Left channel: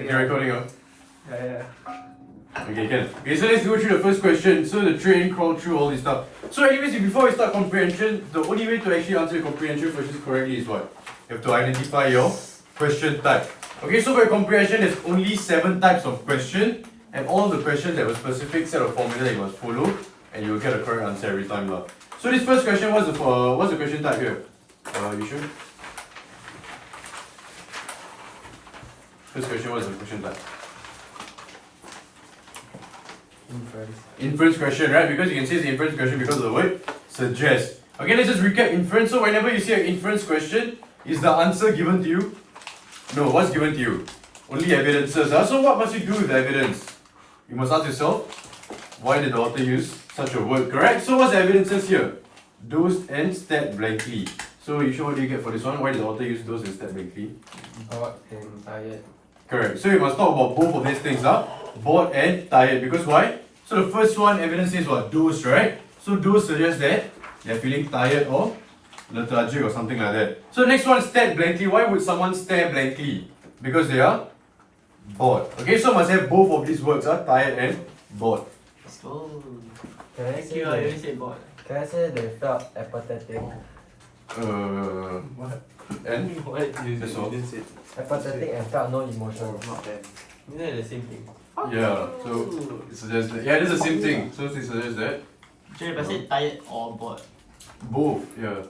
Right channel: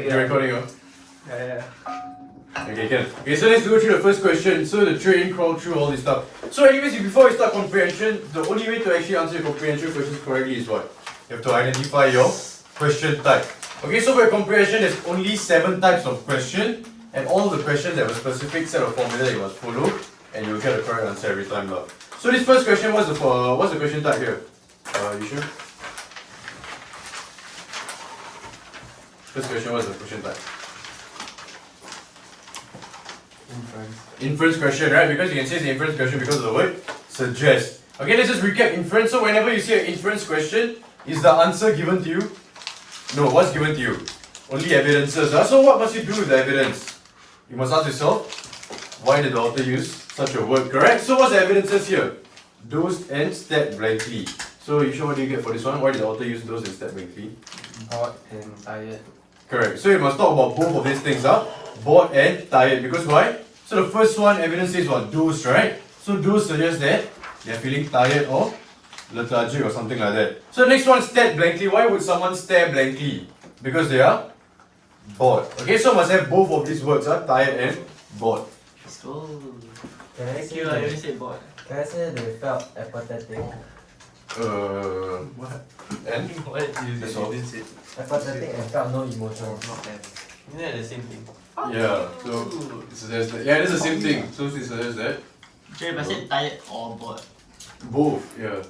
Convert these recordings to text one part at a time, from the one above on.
You're recording, huh? Yeah. Okay, can. Okay, so let's go through the first question. So the train crawled through all this stuff. So anyways, before we start comprehension, the only way to actually answer your comprehension questions correctly is what? You have to identify your question type. Okay, so for your comprehension, there's only 7 types of question, and all the questions have a specific set of formula you must follow, and you will get the correct answer every time. So this first question, what's the question type here? You sure? First question, what's the question type? Inference question, right? Because you can say it's the inference question because of the word suggest. Okay, let's just recap inference. So whenever you see an inference question, is the answer given to you? No, what's given to you? Only evidences. So what must you do with the evidence? You must ask yourself, why did the author use such a word? Correct? So what's the evidences here? Dosed and stacked blankly. So you sure what do you get for this one? Why did the author use dosed and stacked blankly? Bored and tired. Correct. So you must talk about both of these things, bored and tired. Because why? So the first one, evidence says what? Dosed, right? So dosed suggests that they're feeling tired or lethargic or something like that. So next one, stared blankly. Why would someone stare blankly? Because they are bored. Okay, so must have both of these words, tired and bored. So, Can I thank say you, I already said bored. Can I say they felt apathetic? What? And? What? You That's all. didn't say. Apathetic and felt no emotion. Not bad. Isn't that the same thing? Yeah, so it suggests that. Yeah, it's the same thing. So it suggests that Jay, but say tired or bored. both, yeah.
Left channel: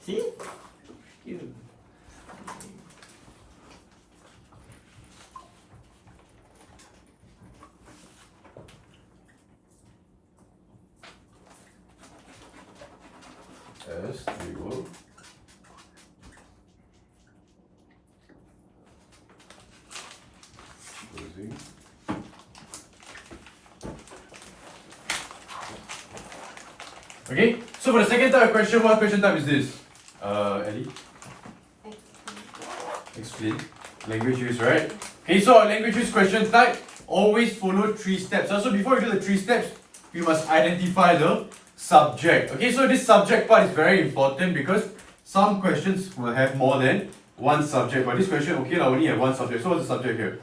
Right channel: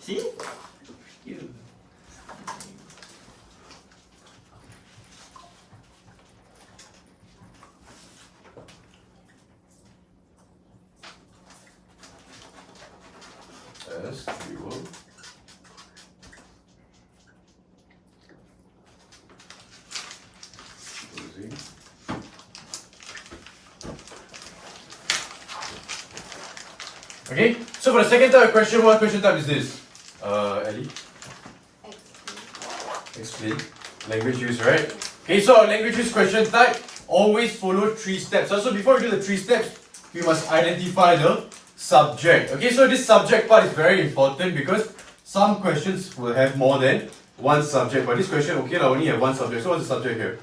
See? You. Yes, we will. Closing. Okay, so for the second type of question, what question type is this? Ellie? Explain. Language use, right? Okay, so our language use question type always follow 3 steps. So before you do the 3 steps, you must identify the subject. Okay, so this subject part is very important because some questions will have more than one subject. But this question, okay, I only have one subject. So what's the subject here?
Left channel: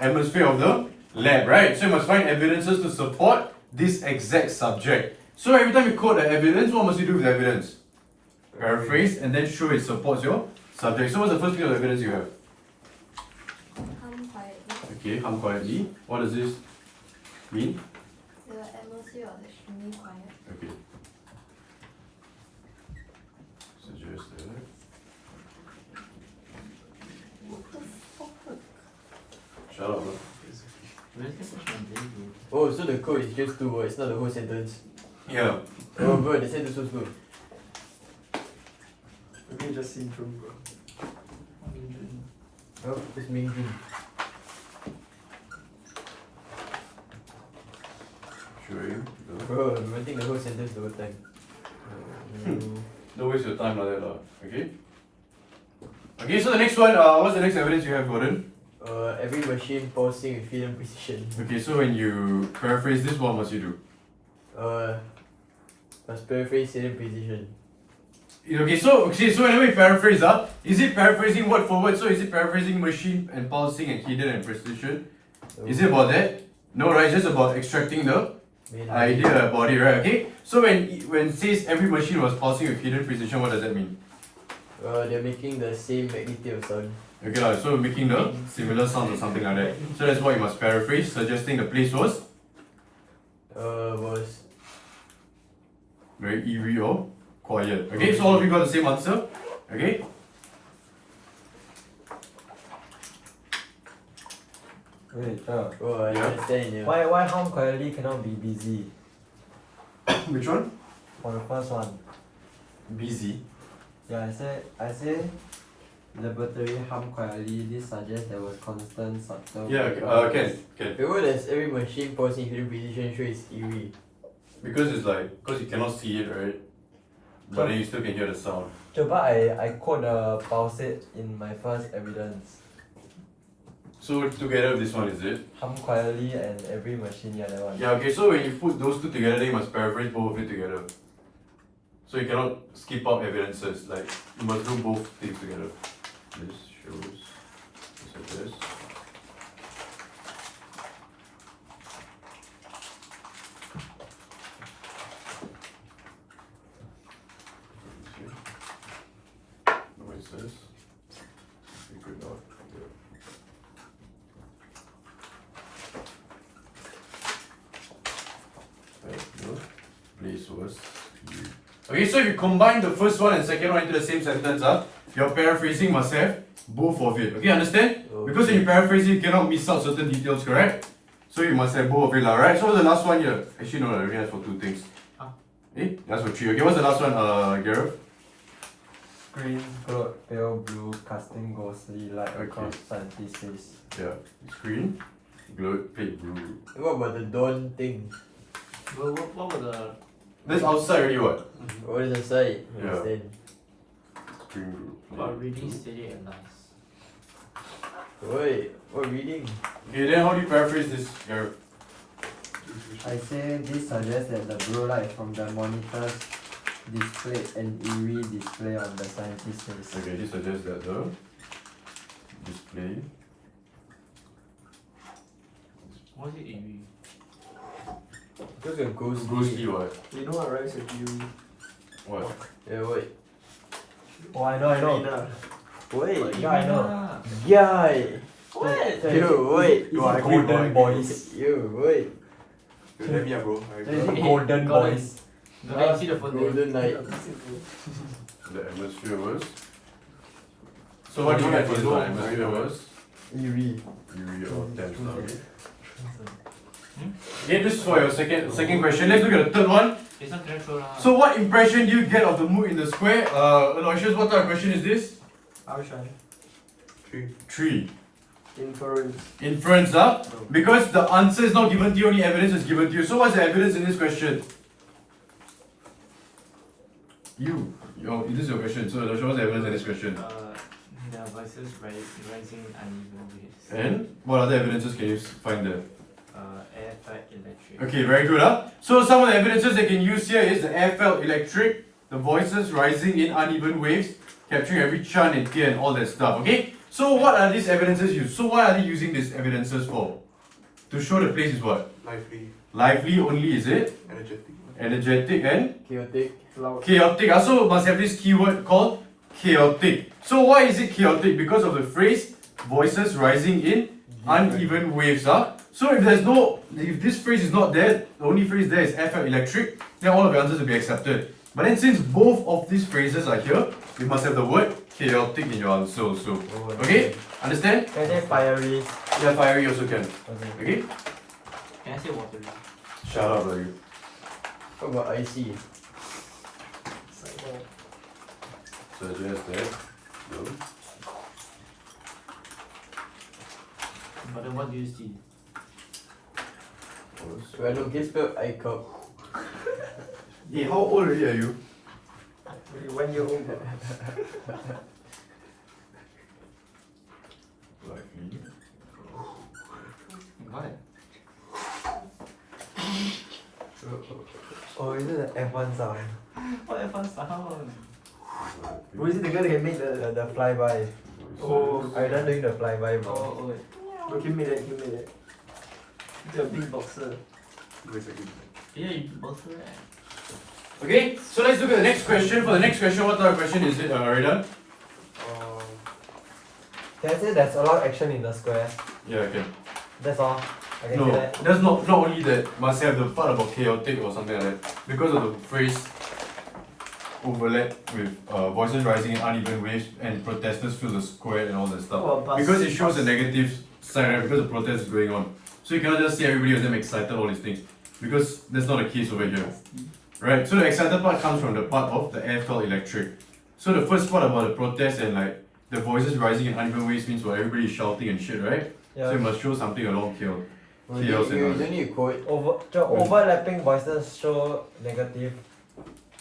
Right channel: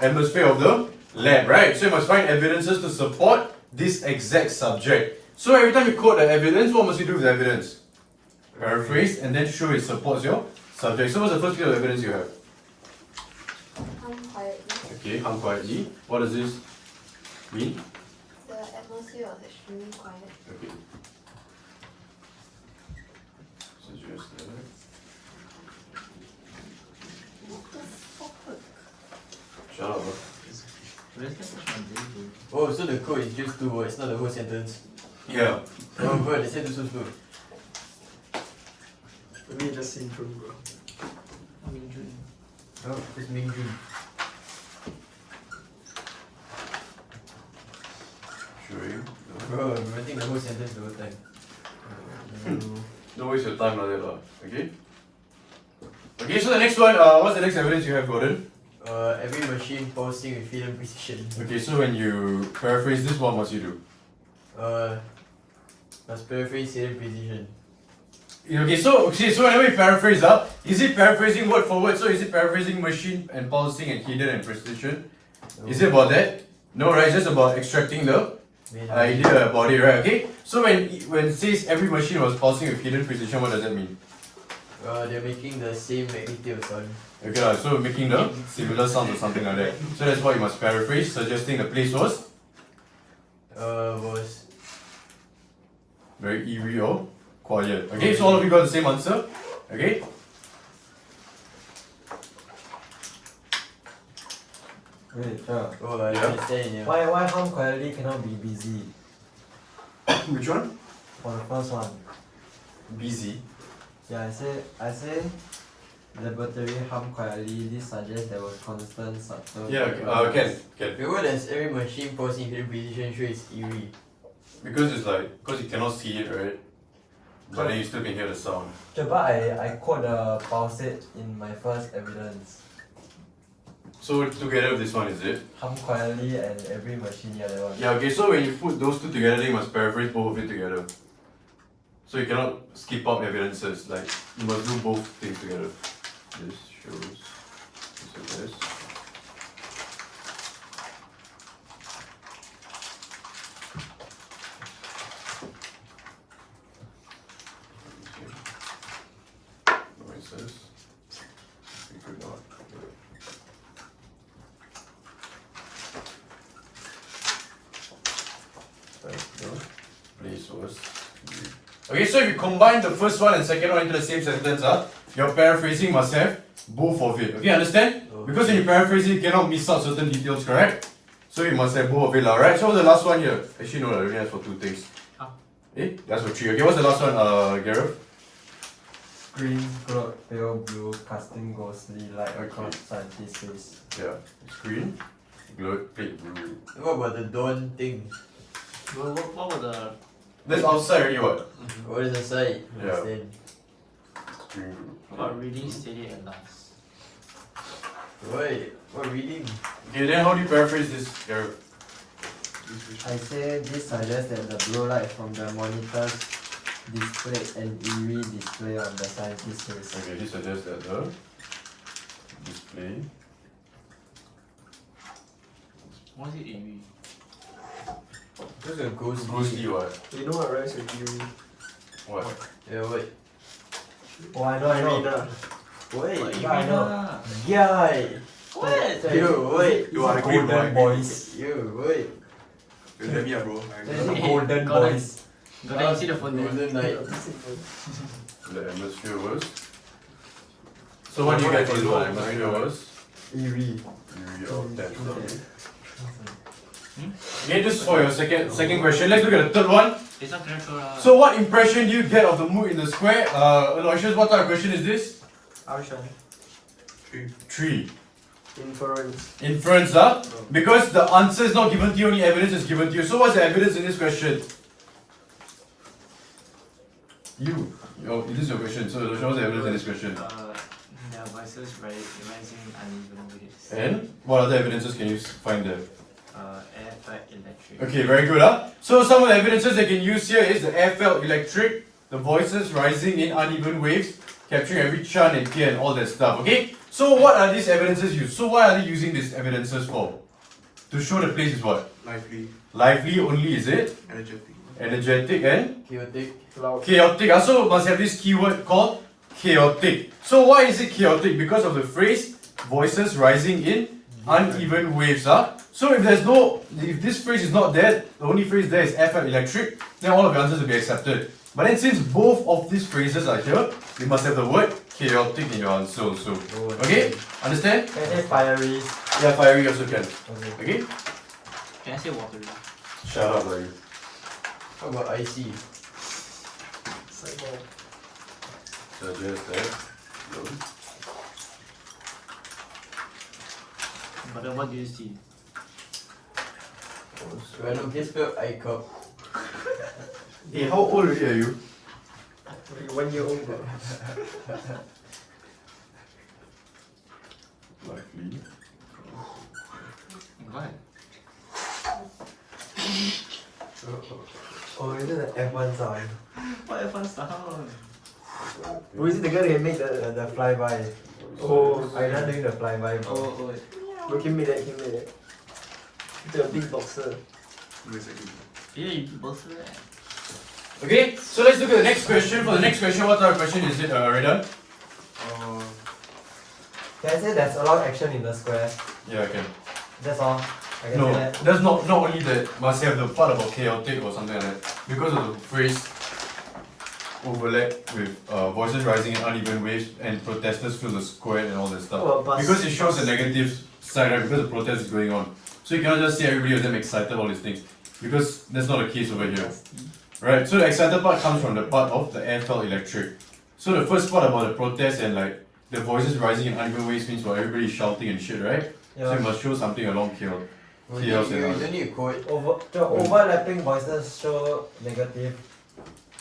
Atmosphere of the lab, right? So you must find evidences to support this exact subject. So every time you quote the evidence, what must you do with the evidence? Paraphrase and then show it supports your subject. So what's the first bit of evidence you have? Hum quietly. Okay, hum quietly. What does this mean? The atmosphere was extremely quiet. Okay. Suggest that. Shut up, bro. Where's the question? Oh, so the code is just 2 words, not the whole sentence. Yeah. Oh, bro, the sentence was good. Maybe just syndrome, bro. Oh, it's Ming Jun. Showing. Bro, I'm writing the whole sentence the whole time. Don't waste your time like that, okay? Okay, so the next one, what's the next evidence you have, Gordon? Every machine pulsing with hidden precision. Okay, so when you paraphrase this, what must you do? Must paraphrase hidden precision. Okay, so whenever you paraphrase, is it paraphrasing word for word? So is it paraphrasing machine and pulsing and hidden and precision? Is it about that? No, right? It's just about extracting the idea about it, right? Okay. So when it says every machine was pulsing with hidden precision, what does that mean? They're making the same magnitude of sound. Okay, so making the similar sound or something like that. So that's why you must paraphrase, suggesting the place was Was very eerie or quiet. Okay, so all of you got the same answer. Okay. Wait, sure. oh, I Yeah. understand, yeah. Why hum quietly cannot be busy? Which one? For the first one. Busy. Yeah, I say laboratory hum quietly. This suggests there was constant subtle. Yeah, okay. Can. The word as every machine pulsing with hidden precision shows it's eerie. Because it's like, because you cannot see it, right? But then you still can hear the sound. Sure, but I quote the pulsate in my first evidence. So together with this one, is it? Hum quietly and every machine, yeah, that one. Yeah, okay, so when you put those two together, then you must paraphrase both of it together. So you cannot skip out evidences, like you must do both things together. This shows, so this. was eerie. Okay, so if you combine the first one and second one into the same sentence, your paraphrasing must have both of it. Okay, understand? Because when you paraphrase it, you cannot miss out certain details, correct? So you must have both of it, alright? So the last one here. Actually, no, I already asked for 2 things. That's for 3. Okay, what's the last one, Gareth? Screen glowed pale blue, casting ghostly light across scientist's face. Yeah, screen, glowed pale blue. What about the dawn thing? What were the... That's outside already, what? What is the side? Yeah. Then Screen blue. About reading steady and nice. wait, what reading? Okay, then how do you paraphrase this, Gareth? I say this suggests that the blue light from the monitors displayed an eerie display on the scientist's face. Okay, this suggests that the display. What is it eerie? What's a ghostly? Ghostly what? You know what rhymes with you? What? Yeah, wait. Oh, I know. Rina. Wait. Yeah, I know. Guy! What? Yo, wait. It's golden boys. Yo, wait. Let me bro. Golden Golden. boys. Go there and see the phone there. Golden night. The atmosphere was. So what do you get for this one? Atmosphere was Eerie. eerie or tense. Okay, this is for your second question. Let's look at the third one. It's not natural. So what impression do you get of the mood in the square? Aloysius, what type of question is this? Arshan. 3. Inference. Inference, because the answer is not given to you, only evidence is given to you. So what's the evidence in this question? This is your question. So what's the evidence in this question? Their voices rising uneven waves. And what other evidences can you find there? Air, fire, electric. Okay, very good. So some of the evidences they can use here is the air felt electric, the voices rising in uneven waves, capturing every chant and key and all that stuff. Okay? So what are these evidences used? So why are they using these evidences for? To show the place is what? Lively, Lively only, is it? energetic. Energetic and Chaotic. Loud. chaotic. Also must have this keyword called chaotic. So why is it chaotic? Because of the phrase voices rising in uneven waves. So if this phrase is not there, the only phrase there is air felt electric, then all of your answers will be accepted. But then since both of these phrases are here, you must have the word chaotic in your answer also. Okay? Understand? Can I say fiery? Yeah, fiery also can. Okay. Okay? Can I say watery? Shut up, buddy. What about icy? Cycle. Suggest that. No. But then what do you see? So I know guess spelled iCup. Hey, how old are you? 1 year old, bro. Lively. What? Oh, is it the F1 sound? What fun sound? Who is it the guy that made the... The flyby. Oh, I not doing the flyby. Oh. Look, he made it, The big boxer. Wait a second. Yeah, you both right. Okay, so let's look at the next question. For the next question, what type of question is it, Redan? Can I say there's a lot of action in the square? Yeah, okay. That's all. I can No, say that. that's not only that. Must have the part about chaotic or something like that. Because of the phrase overlap with voices rising in uneven waves and protesters fill the square and all that stuff. Oh, bus. Because it shows the negative side, right? Because the protest is going on. So you cannot just see everybody of them excited all these things. Because that's not the case over here. Right? So the excited part comes from the part of the air felt electric. So the first part about the protest and like the voices rising in uneven waves means for everybody shouting and shit, right? Yeah. So you must show something along here. You Chaos and all. don't need a quote. The overlapping voices show negative.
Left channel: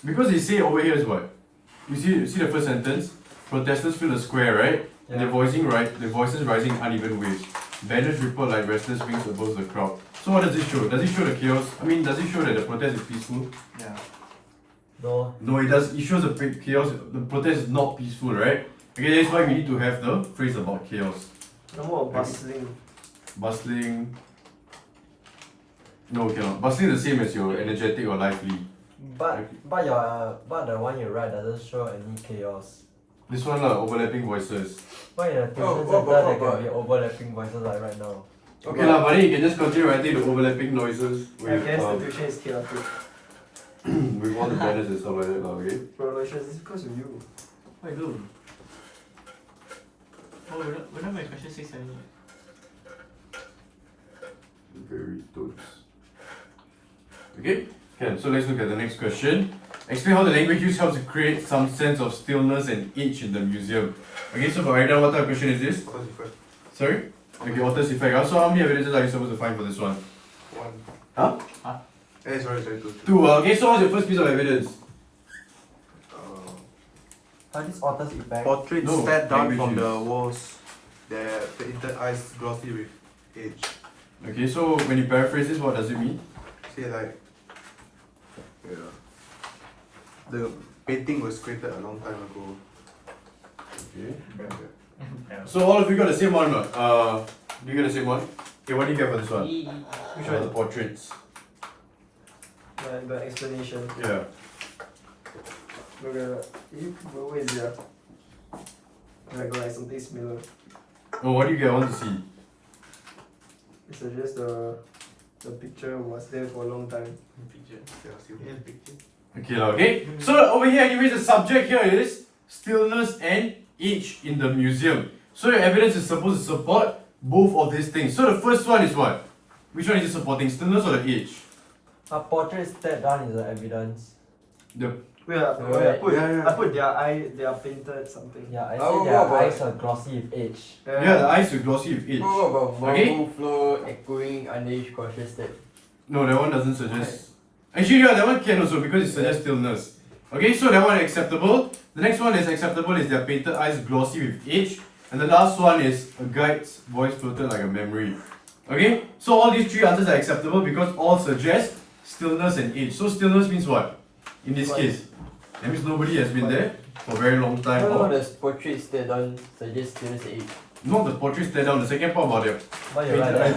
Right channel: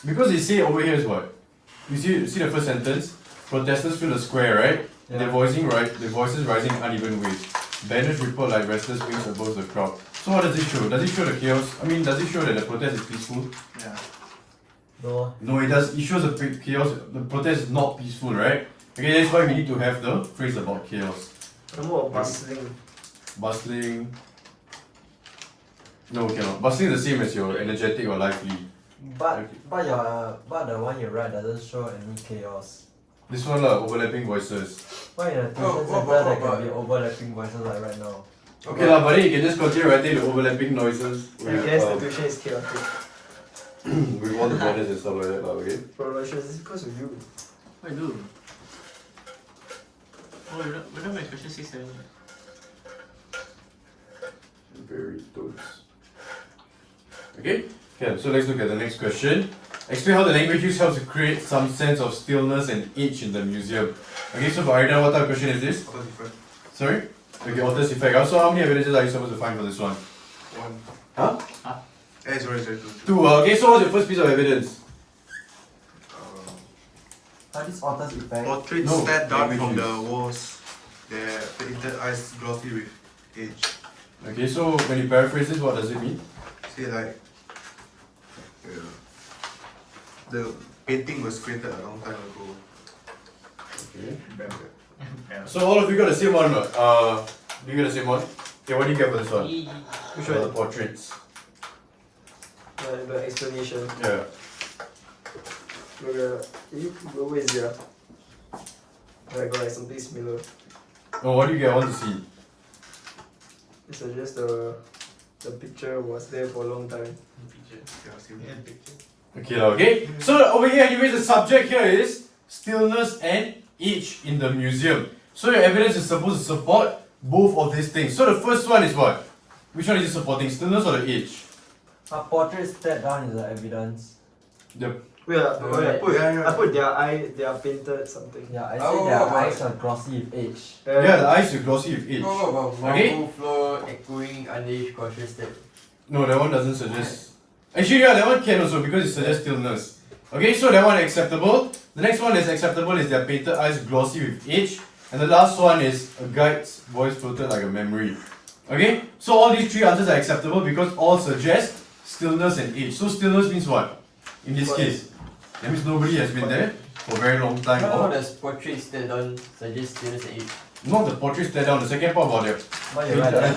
Because they say over here is what? You see the first sentence? Protesters fill the square, right? And Yeah. the voices rising in uneven waves. Banners ripple like restless wings above the crowd. So what does it show? Does it show the chaos? Does it show that the protest is peaceful? Yeah. No. No, it does. It shows the chaos. The protest is not peaceful, right? Okay, that's why we need to have the phrase about chaos. No more bustling. Bustling. No, cannot. Bustling is the same as your energetic or lively. But the one you write doesn't show any chaos. This one overlapping voices. Why in a tuition Oh, center there but- can be overlapping voices like right now? Okay lah, but then you can just continue writing the overlapping noises. I guess the tuition is chaotic. with all the banners and stuff like that, okay? Bro, my shirt is because of you. What I do? Oh, we're not at question 6 7 yet. Very totes. Okay? Okay, so let's look at the next question. Explain how the language use helps to create some sense of stillness and age in the museum. Okay, so for Aida, what type of question is this? What different? Sorry? Okay, author's effect. So how many evidences are you supposed to find for this one? One. Huh? Sorry, two. Two. Okay, so what's your first piece of evidence? What is author's effect? Portraits No, stared down from language the use. walls. Their painted eyes glossy with age. Okay, so when you paraphrase this, what does it mean? Say like, yeah, the painting was created a long time ago. Okay. Yeah. So all of you got the same one, or not? Do you got the same one? Okay, what do you get for this one? Which The one? portraits. The explanation. Yeah. Look at you. Where is it? I got like something similar. No, what do you get? I want to see. It suggests the picture was there for a long time. Picture. Yeah, see. Yeah, picture. Okay, okay. So over here, anyways, the subject here is stillness and age in the museum. So your evidence is supposed to support both of these things. So the first one is what? Which one is it supporting? Stillness or the age? A portrait stared down is the evidence. The Wait, I put Yeah. they are painted something. Yeah, I Oh, say their what about- eyes are glossy with age. yeah, the eyes are glossy with age. What about Okay. marble floor echoing underage cautious step? No, that one doesn't suggest. Actually, yeah, that one can also because it suggests stillness. Okay, so that one acceptable. The next one is acceptable is their painted eyes glossy with age. And the last one is a guide's voice floated like a memory. Okay, so all these three answers are acceptable because all suggest stillness and age. So stillness means what? In this case, that means nobody has been there for a very long time. How Or does portraits stared down suggest stillness and age? not the portrait stare down. The second part about it. Why you like that?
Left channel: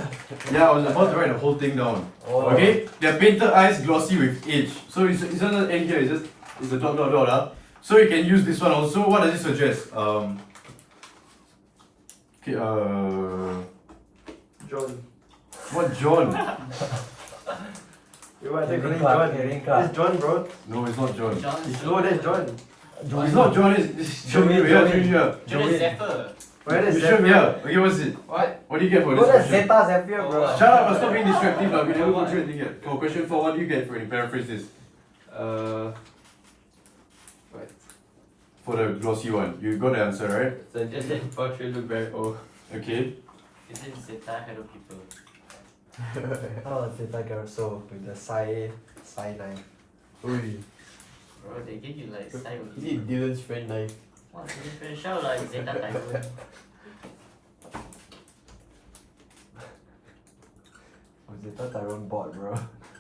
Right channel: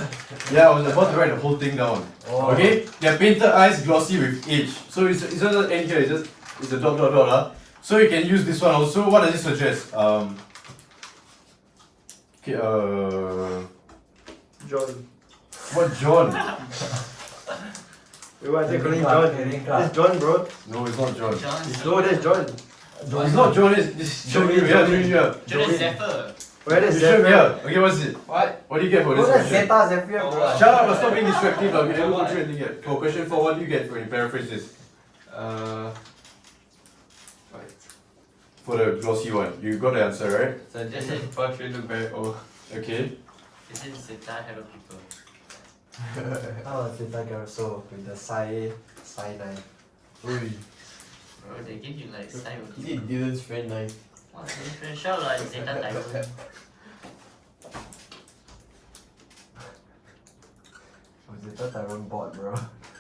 Yeah, I was about to write the whole thing down. Oh. Okay, their painted eyes glossy with age. So it's doesn't end here. It's a dot dot dot. So you can use this one also. What does it suggest? Okay. John. What John? Wait, what? They calling Clearing John? card, clearing card. It's John, bro. No, it's not John. No, that's John. It's not John. It's Joey. Joey, Yeah, Joey. Joey. Yeah. Jordan Zephyr. Where is You sure? Zephyr? Yeah. Okay, what's it? What? What do you get for this What is question? Zeta Zephyr, bro? Oh, Shut up! Stop being distractive. We never go through anything yet. For question 4, what do you get when you paraphrase this? What? For the glossy one, you got the answer right? Suggest that portrait look very old. Okay. Is it Zeta Hello People? Oh, Zeta Garso with the side line. Oi. Bro, they give you like side of Is it Dylan's friend knife? What's the different shout like Zeta Typhoon? Oh, Zeta Tyrant bot, bro.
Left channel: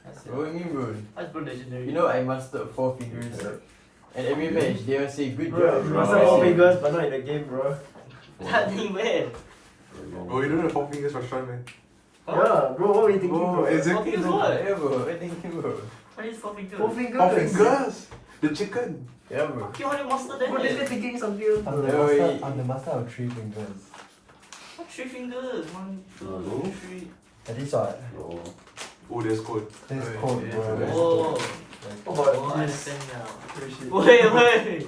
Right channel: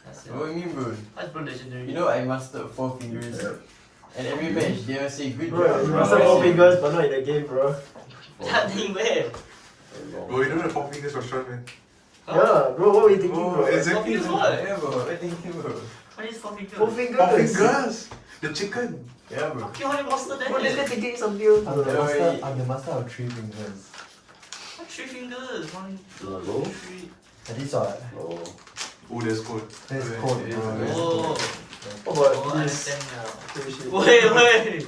That's What do you mean, bro? What's Blue Legendary? You know I mastered 4 fingers. And every match they will say good Bro, job. you must have 4 fingers, but not in the game, bro. God damn it! Bro, you don't have 4 fingers for short, man. Yeah, bro, what were you thinking, Bro, bro? exactly. Four fingers what? Yeah, bro. What do you think, bro? What is 4 fingers? 4 fingers. 4 fingers! The chicken! Yeah, bro. Okay, what monster Bro, that this is? guy thinking something else, I'm bro. the Yeah, master, wait. I'm the master of 3 fingers. What 3 fingers? 1, 2, Hello? 3. At least what? Oh, that's cool. That's Wait, code, wait, bro. wait. That's Oh, How about oh, I this? understand now. Oh, shit. Wait.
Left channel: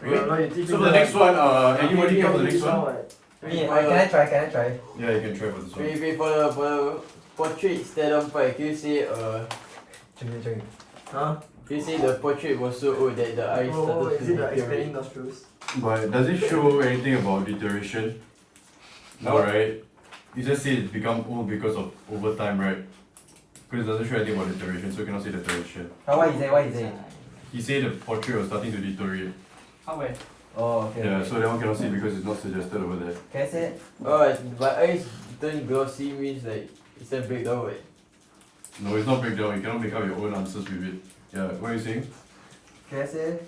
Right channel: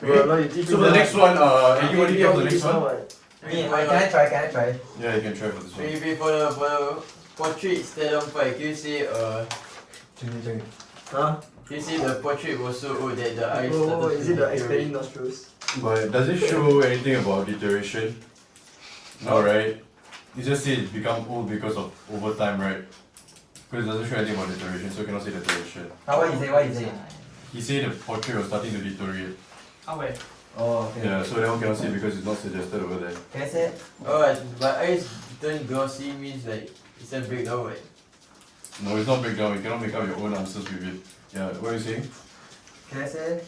Bro, now you teach So me for the next one, You anybody get for the next this one? what? Wait, Can I try? Can I try? Yeah, you can try for this one. Wait, for the portrait stared down part, can you say Chili. Huh? can you say the portrait was so old that the eyes Oh, started is to it the deteriorate? expanding nostrils? But does it show anything about deterioration? No, right? You just say it's become old because of over time, right? Because it doesn't show anything about deterioration, so you cannot say deterioration. Now what you say? What you say? He said the portrait was starting to deteriorate. How wait? Oh, okay. Yeah, so that one cannot say because it's not suggested over there. Can I say? Oh, but eyes turn glossy means like it's a breakdown, right? No, it's not breakdown. You cannot make up your own answers with it. Yeah, what are you saying? Can I say?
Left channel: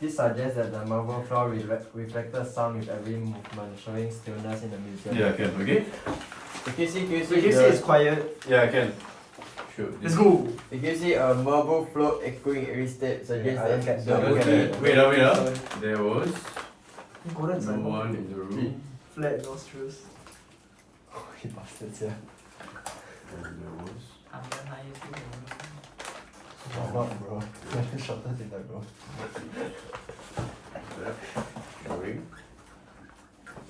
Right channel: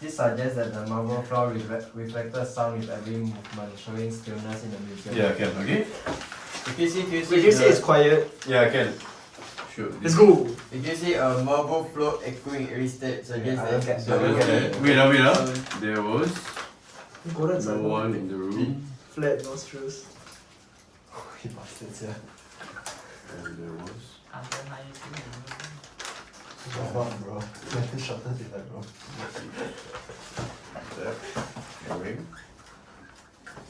This suggests that the marble floor reflected sound with every movement, showing stillness in the museum. Yeah, I can. Okay? Can you say Wait, you say it's quiet. Yeah, I can. Sure. Let's go. can you say a marble floor echoing every step suggests I look that at- the I look at movie- that. Wait, There was Golden no Simon. one in the room. Flat nostrils. Lucky bastards, yeah. And there was. What, bro? Shorter than that, bro. That. Showing.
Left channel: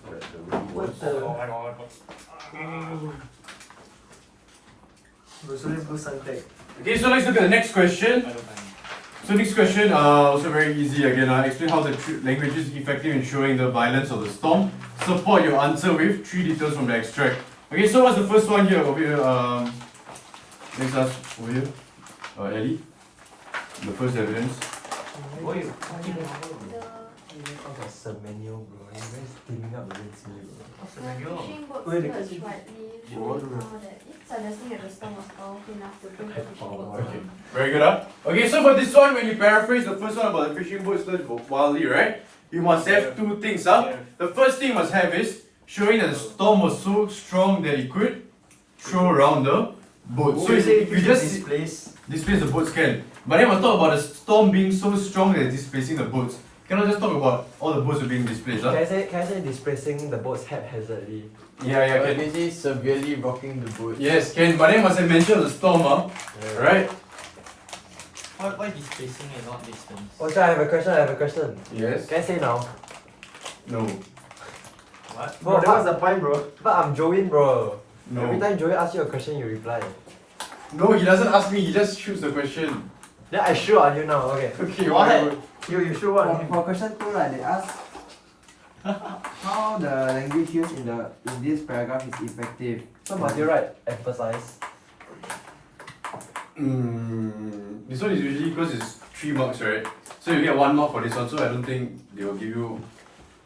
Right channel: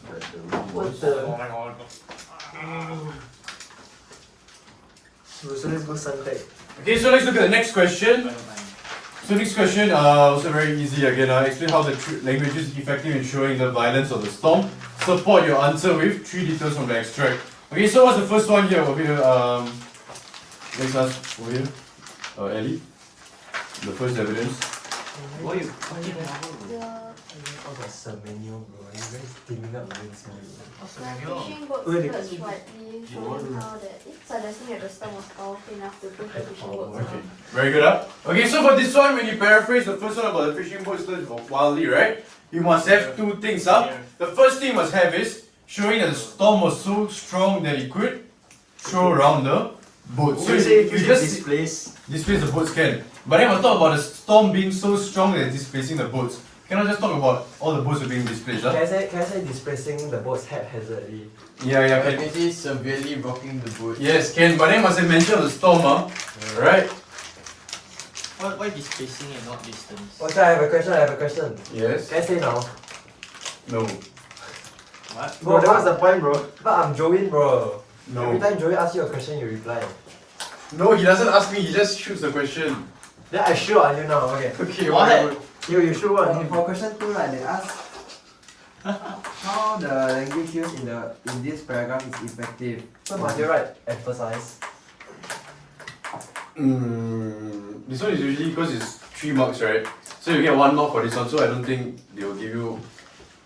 That the room What was. the? Oh my god. So let's go Suntec. Okay, so let's look at the next question. So next question, also very easy again. Explain how the language is effective in showing the violence of the storm. Support your answer with 3 details from the extract. Okay, so what's the first one here? Over here, next one over here. Ellie. The first evidence. What you Oh, that's a menu, bro. You're very steaming up against me, bro. What's the The manual? fishing boat Wait, skirts the- slightly showing how that suggesting that the storm was powerful enough to push the fishing boat Okay. down. Very good, huh? Okay, so for this one, when you paraphrase the first one about the fishing boat slurs wildly, right? You must have 2 things, huh? The first thing you must have is showing that the storm was so strong that it could throw around the boat. So you say if you just displace. displace the boats can. But then we'll talk about the storm being so strong that it's displacing the boats. Cannot just talk about all the boats are being displaced, huh? Can I say displacing the boats haphazardly? Yeah, I can say severely rocking the boat. Yes, can. But then must have mentioned the storm, huh? Right? Why displacing and not distance? Okay, I have a question. Yes. Can I say now? No. What? Bro, that was the point, bro. But I'm Joey, bro. Every No. time Joey asks you a question, you reply. No, he doesn't ask me, he just shoots the question. Then I shoot on you now, okay. Okay, What? whatever. You show one. For question 2, right, they ask how the language used in this paragraph is effective. So must you write emphasize? This one is usually because it's 3 marks, right? So you get 1 mark for this one, so I don't think they will give you,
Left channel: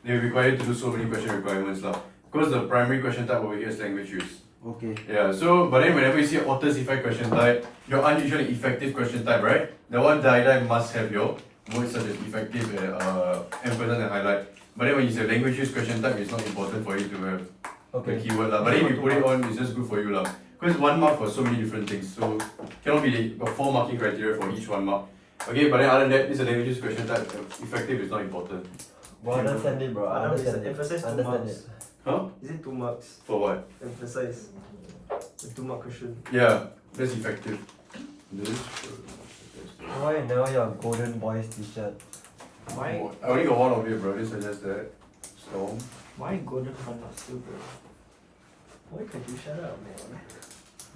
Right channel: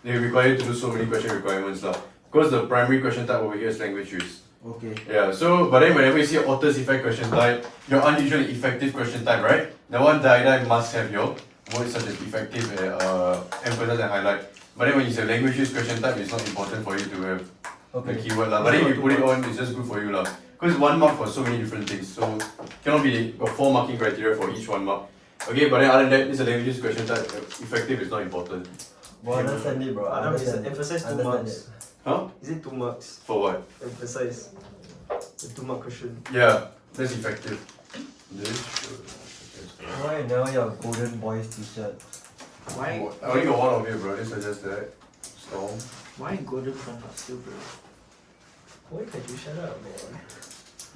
they will require you to do so many question requirements lah. Because the primary question type over here is language use. Okay. Yeah, so but then whenever you see author's effect question type, your unusual and effective question type, right? The one die must have your words such as effective, emphasize and highlight. But then when you say language use question type, it's not important for you to have the keyword lah. But then if you put it on, it's just good for you lah. Because 1 mark for so many different things, so cannot be got 4 marking criteria for each 1 mark. Okay, but then other than that, this is a language use question type. Effective is not important. Bro, understand it, bro. Adam is Understand it. emphasize 2 Understand marks. it. Huh? Is it 2 marks? For what? Emphasize. The 2 mark question. Yeah, that's effective. This. Why you never your golden boys t-shirt? Why? I only got 1 of it, bro. This suggests that. Storm. Why golden front of silver? Why can't you shut up, man?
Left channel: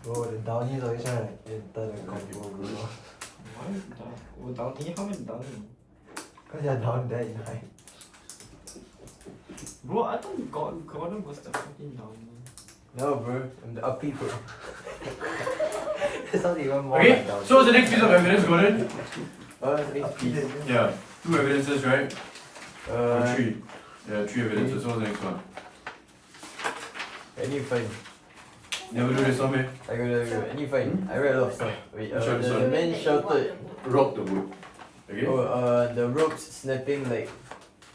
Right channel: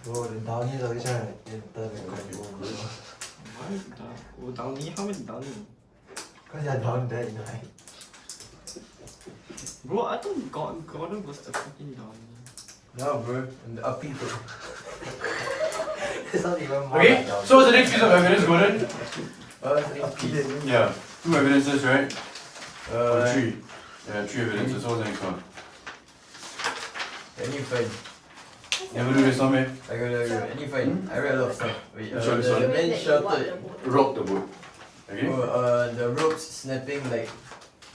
Bro, the downies always trying to enter the combo, bro. Why Downey? How many Downey? Cause you're down there in height. Bro, I thought Gordon was the fucking Downey. No, bro. I'm the uppy bro. It's not even more Okay, like down. so what's the next piece of evidence, Gordon? Oh, that's next piece. Yeah, 2 evidences, right? Or Uh, 3. Yeah, 3 evidences. So what's the next one? any fine. Never do this one, man. I got any fine. I read a lot of stuff. Wait, Which one, the sorry? man shouted. Rock the boat. Okay? Oh, the ropes snapping like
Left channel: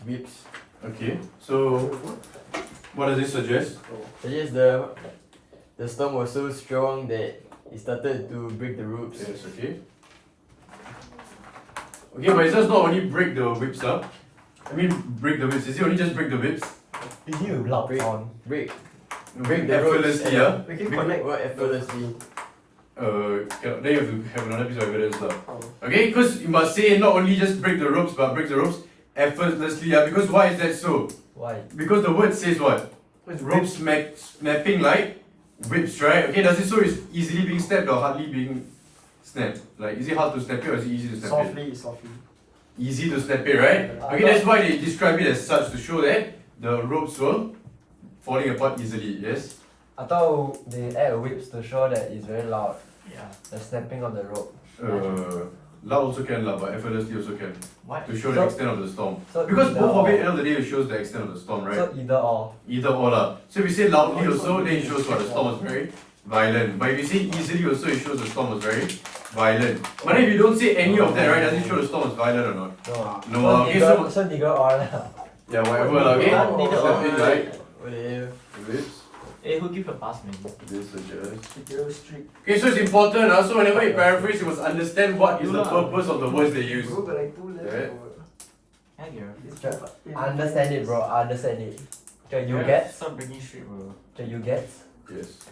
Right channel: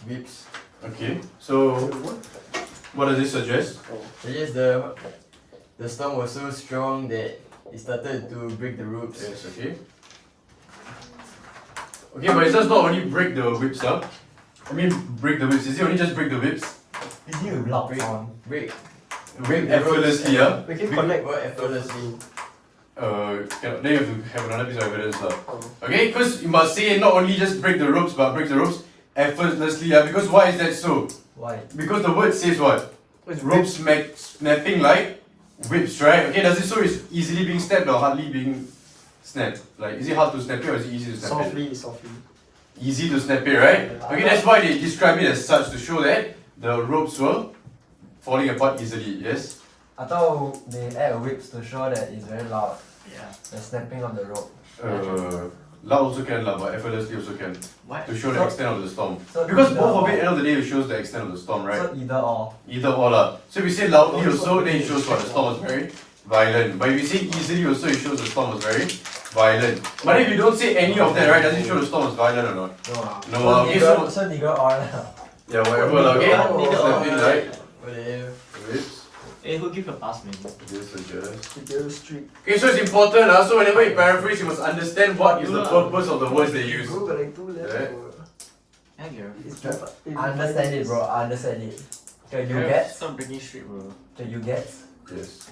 whips. Okay, so what does this suggest? I guess the storm was so strong that it started to break the ropes. Yes, okay. Okay, but it does not only break the whips up. I mean, break the whips. Is it only just break the whips? Is you loud Break. on? Break. Break the ropes effortlessly, yeah? We can connect. What effortlessly? Then you have to have another piece of evidence, lah. Okay, because you must say not only just break the ropes, but break the ropes effortlessly, yeah? Because why is that so? Why? Because the word says what? It's Rope snapping like whips, right? Okay, does it so it's easily being snapped or hardly being snapped? Like, is it hard to snap it or is it easy to snap it? Softly. Easy to snap it, right? Okay, that's why they describe it as such to show that the ropes were falling apart easily, yes? I thought they add whips to show that it's very loud. Yeah. The snapping of the rope. Loud also can, but effortlessly also can. What? To show the So- extent of the storm. So Because either both of it, or. end of the day, it shows the extent of the storm, right? So either or. Either or lah. So if you say loudly also, then it shows what the storm was very violent. But if you say easily also, it shows the storm was very violent. But then if you don't say any of that, right, does it show the storm was violent or not? No ah. No, okay, so nigger or lah. Yeah, whatever lah, okay? Neither. Snapping, right? Whatever. Whips. Hey, who give a pass, man? This suggests. The girl streak. Okay, so it's important, so whenever you paraphrase, you must understand what is the purpose of the words they use. Bro, got like 2 left. Right. bro. Yeah, Gary. It's Sure. perfect. I understand it, bro. I understand it. Okay, you get? Stop breaking shit, bro. Okay, you get? Yes.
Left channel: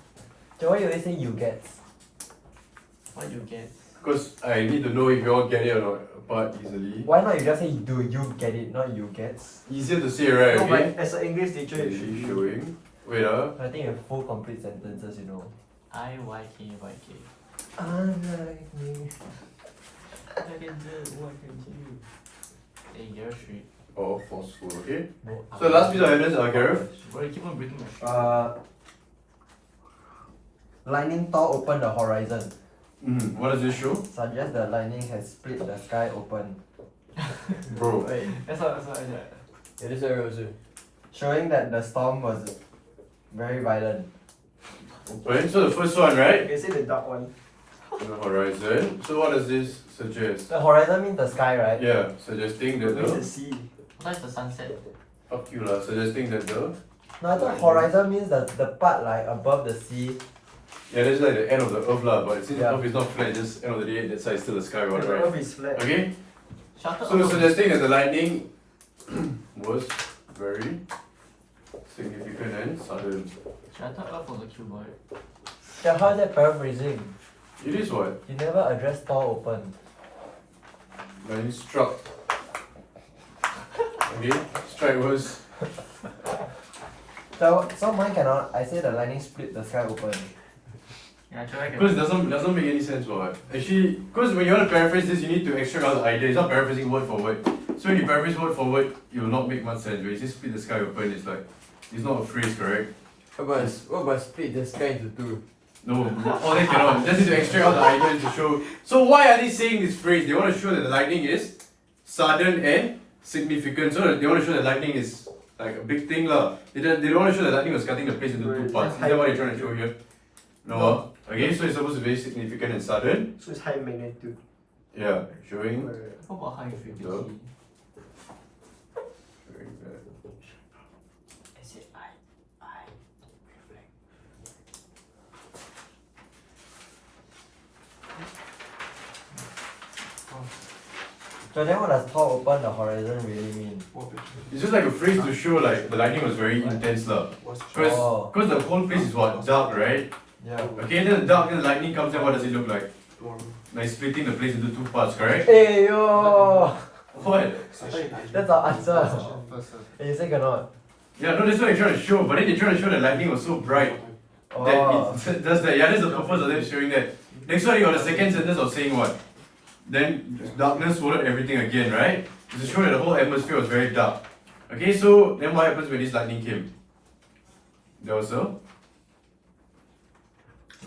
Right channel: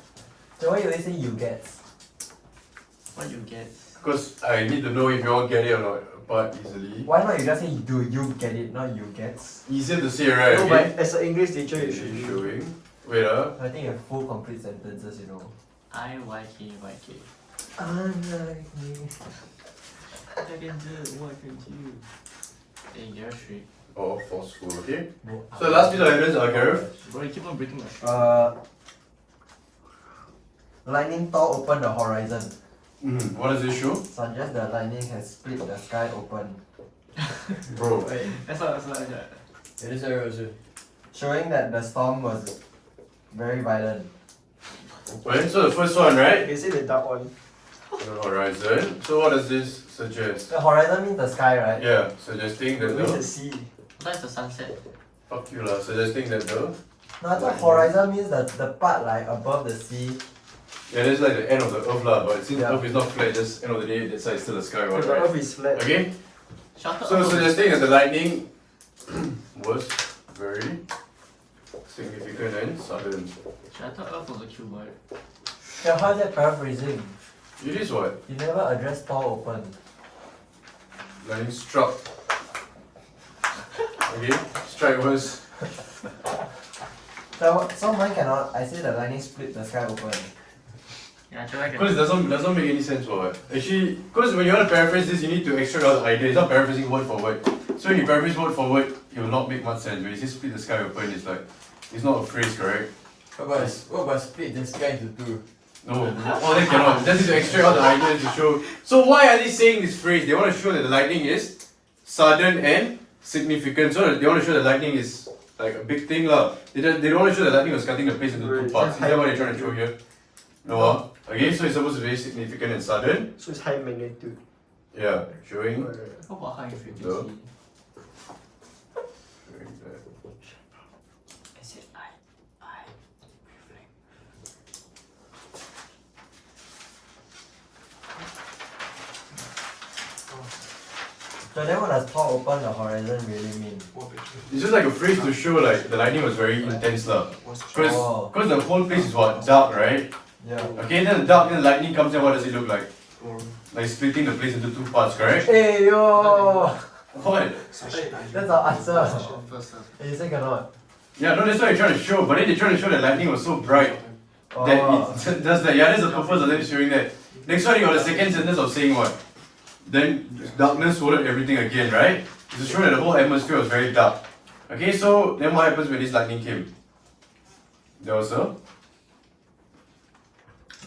So why you always say you gets? What you get? Because I need to know if you all get it or not apart easily. Why not you just say do you get it, not you gets? Easier to say, right? No, Okay. but as an English teacher, you should Okay, be. showing. Wait, I think you have full complete sentences, you know. I-Y-K-Y-K. I I can do what I can do. Hey, you're straight. Oh, forceful, okay? So the last piece of evidence, Gareth. Bro, you keep on breaking my streak. Lightning Thor opened the horizon. What does this show? Suggests the lightning has split the sky open, Bro. That's not. Yeah, that's what I also. showing that the storm was very violent. Open. So the first one, right? You can say the dark one. On the horizon. So what does this suggest? The horizon means the sky, right? Yeah, suggesting that Where's the the... sea? That's the sunset. Fuck you lah, suggesting that the... No, I thought horizon means the part like above the sea. Yeah, that's like the end of the earth lah, but since Yeah. earth is not flat, just end of the day, that side is still the sky one, The right? earth is flat. Okay? Shutter So up. suggesting that the lightning was very significant and sudden. Shutter up on the keyboard. Yeah, how is that paraphrasing? It is what? You never address Thor open. Lightning struck. Okay? Strike was... So mine cannot. I say the lightning split the sky open. Yeah, try Because again. it doesn't make any sense for what? Actually, because when you want to paraphrase this, you need to extract out the idea. It's not paraphrasing word for word. So when you paraphrase word for word, it will not make much sense. When you say split the sky open, it's like, it's not a phrase, correct? What about split the sky into two? No, all they cannot. Just need to extract out the idea to show. So why are they saying this phrase? They want to show that the lightning is sudden and significant. So they want to show that lightning is like a big thing lah. They don't want to show that lightning was cutting the place into two parts. Is that what they're trying to show here? No. Okay, so it's supposed to be very significant and sudden. So it's high magnitude. Yeah, showing. What about high frequency? So? Is it I reflect? So then what does Thor open the horizon really mean? It's just like a phrase to show like the lightning was very intense lah. Oh. Because the whole place is what? Dark, right? Yeah. Okay, then the dark, then the lightning comes in, what does it look like? Like splitting the place into two parts, correct? Hey yo! What? That's our answer. First. Hey, you say cannot. Yeah, no, that's what they're trying to show, but then they're trying to show that lightning was so bright that Oh. that's the purpose of them showing that. Next one, you got the second sentence of saying what? Then darkness swallowed everything again, right? It's to show that the whole atmosphere was very dark. Okay, so then what happens when this lightning came? There was a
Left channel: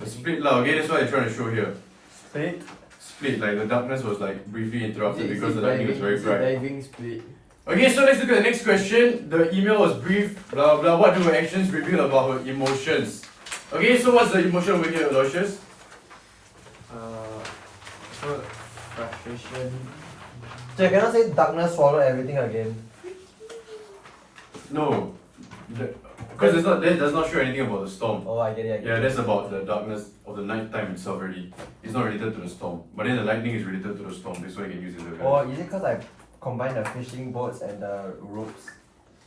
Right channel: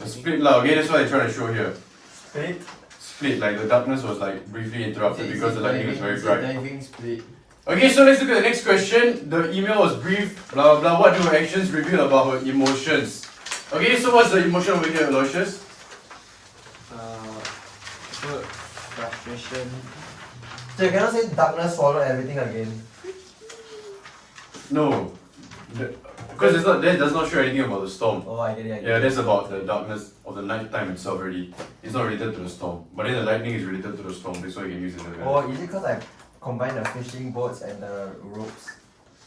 split lah, okay, that's what they're trying to show here. Split? Split, like the darkness was like briefly interrupted because the lightning was very bright. Diving split. Okay, so let's look at the next question. The email was brief, blah blah. What do her actions reveal about her emotions? Okay, so what's the emotion over here, Aloysius? Hurt, frustration. So you cannot say darkness swallowed everything again. No, because that does not show anything about the storm. Oh, I get it. Yeah, that's about the darkness of the night time itself already. It's not related to the storm, but then the lightning is related to the storm. That's why you can use it. As Or is it because I combined the fishing boats and the ropes?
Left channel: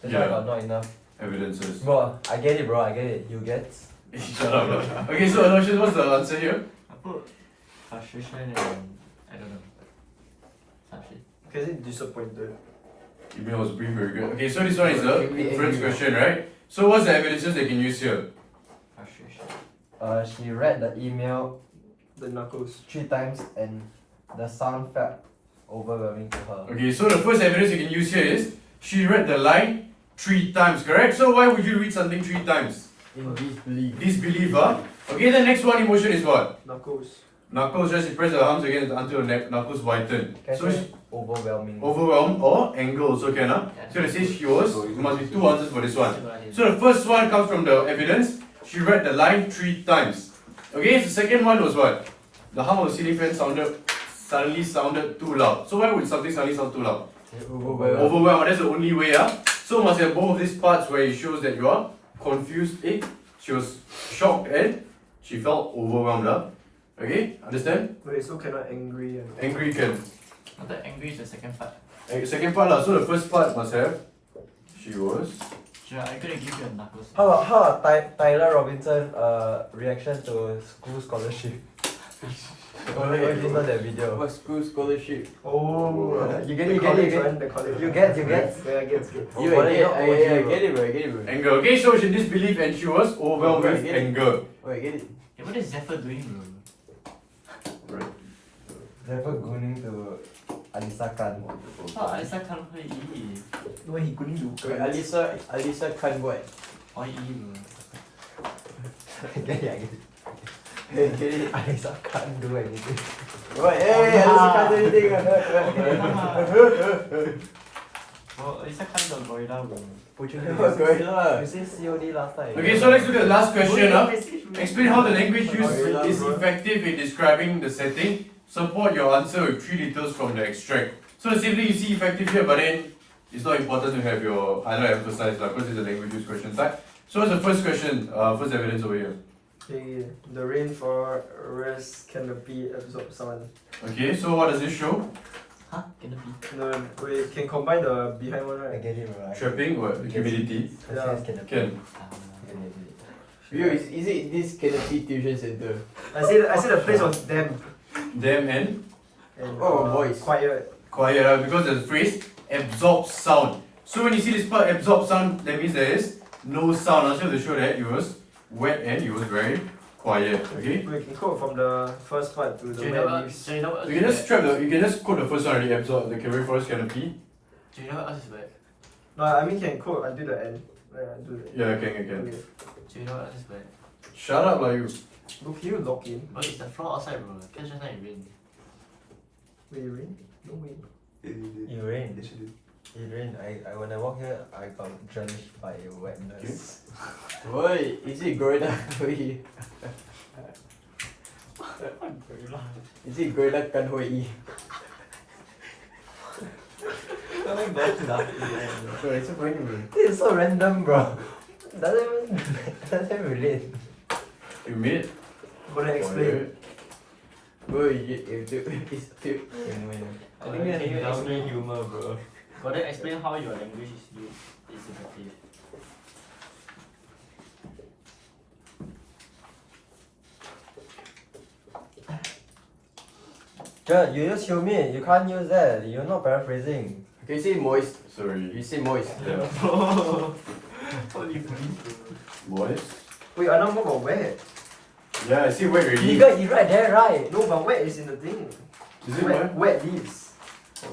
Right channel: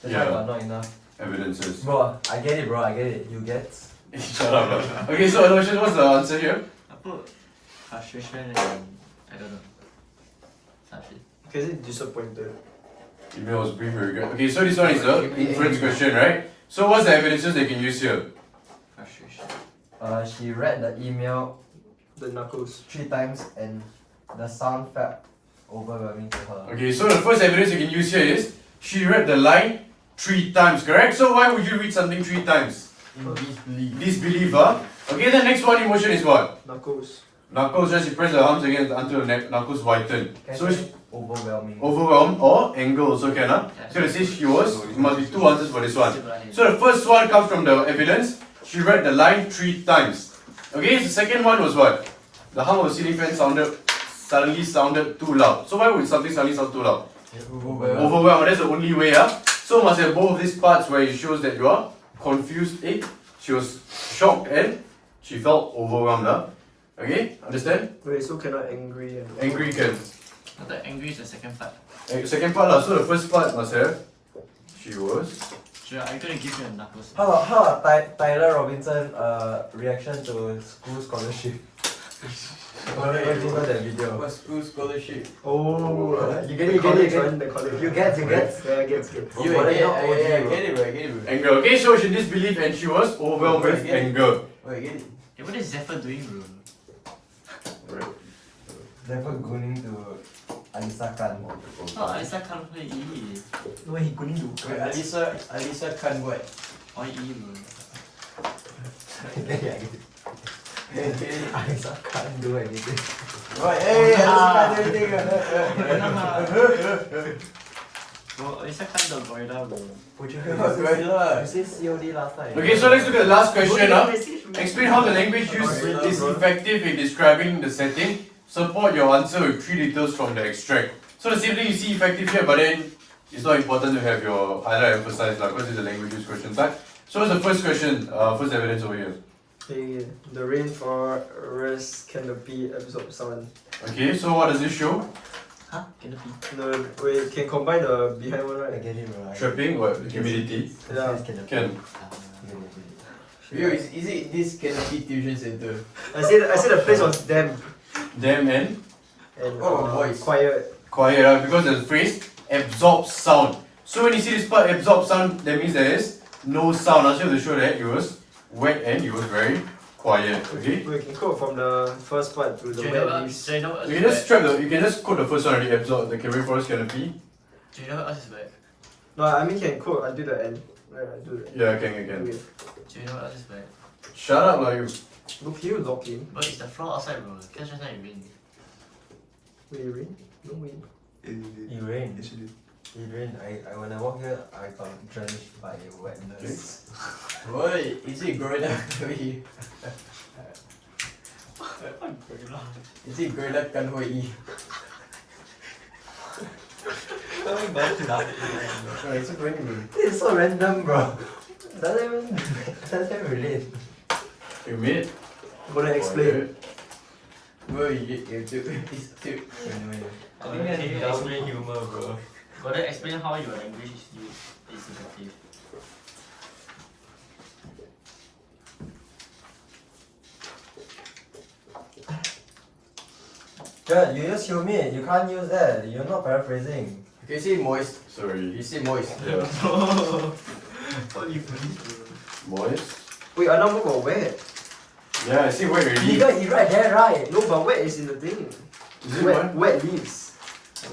That's why Yeah. I got not enough. evidences. Bro, I get it, bro. I get it. You get? Shut up, lah. Okay, so Aloysius, what's the answer here? I put frustration and I don't know. Some shit. Because it's disappointed. Email was brief, very good. Okay, so this one is the inference question, right? So what's the evidences they can use here? Frustration. She read the email The knuckles. 3 times and the sound felt overwhelming to her. Okay, so the first evidence you can use here is she read the line 3 times, correct? So why would you read something 3 times? In disbelief. Disbelief, huh? Okay, the next one emotion is what? Knuckles. Knuckles, just press the arms against until the neck, knuckles whiten. Can So I she say overwhelming? overwhelmed or anger also can, huh? So it says she was, there must be 2 answers for this one. So the first one comes from the evidence. She read the line 3 times. Okay, the second one was what? The hum of the ceiling fan suddenly sounded too loud. So why would something suddenly sound too loud? Overwhelmed, that's the only way, So must have both of these parts where it shows that you are confused, She was shocked and she felt overwhelmed, Okay, understand? Wait, so cannot angry and Angry can. But the angry is the second part. Second part, so the first part must have she was Sure, I'm gonna give you a knuckles. How about Tyler Robinson reaction to school scholarship? What do you know that video? What school scholarship? Oh, You get the it, college you one, the college. You get. Yeah, gets. I get it, bro. I get it, bro. Anger. Okay, so she disbelieved and she was overwhelmed with anger. Oh, I get it. Yeah, what is Zephyr doing, bro? Never going to Alisa Khan. Oh, Aisa can't play E. No, he couldn't do. Wait, Alisa Khan what? Or E, bro. Get it. Alisa can't do anything. What? Hey, Alisa can't do anything. Bro, Aisa can't do gorilla, bro. Would you What's going on? You said COD last time. Okay, so let's look at the last question. Oh, Explain how the language used is effective in describing the setting. Support your answer with 3 details from the extract. So the same thing you see effective here, but then it's not important to have your highlight emphasized because it's a language use question type. So what's the first question? First evidence over here. Okay, the rainforest canopy absorb sound. Okay, so what does this show? Huh? Can it be? We can combine the behind one, I right? get it, right? Trapping, what? Humidity? Yeah. Can. Yo, is it this Canopy Tuition Center? I said the place was damp Damn and and Oh, boys. quiet. quiet because the phrase absorbs sound. So when you see this part absorb sound, that means there is no sound. I'll show you to show that it was wet and it was very quiet. Okay? We can quote from the first part to the Do you wet know what? leaves. Do you know what You else can is just bad? you can just quote the first one already, absorb the rainforest canopy. Do you know what else is bad? No, I mean can quote until the end. Do it. Yeah, can. Okay. Do you know what else is bad? Shut up, like you. Look, you lock in. But it's the floor outside, bro. Guess just now it rained. Will you rain? No rain. It rained. Yes, you did. It rained. I when I walked here, I got drenched by wetness. Boy, is it Gorilla? Is it Gorilla Kanhoi? Coming back to that. Bro, it's so funny, bro. It's so random, bro. Doesn't relate. You made it. Gonna explain. Bro, it's too. I think that's only humor, bro. Go then explain how your language is used is effective. Yeah, you use humid. You can't use that. You're not paraphrasing. Can you say moist? Sorry. You say moist. Yeah. What do you mean? Moist. Wait, I now more about wet. Yeah, I see wet already. You right there, right? No, but wet is in the thing. Is it wet? Wet leaves.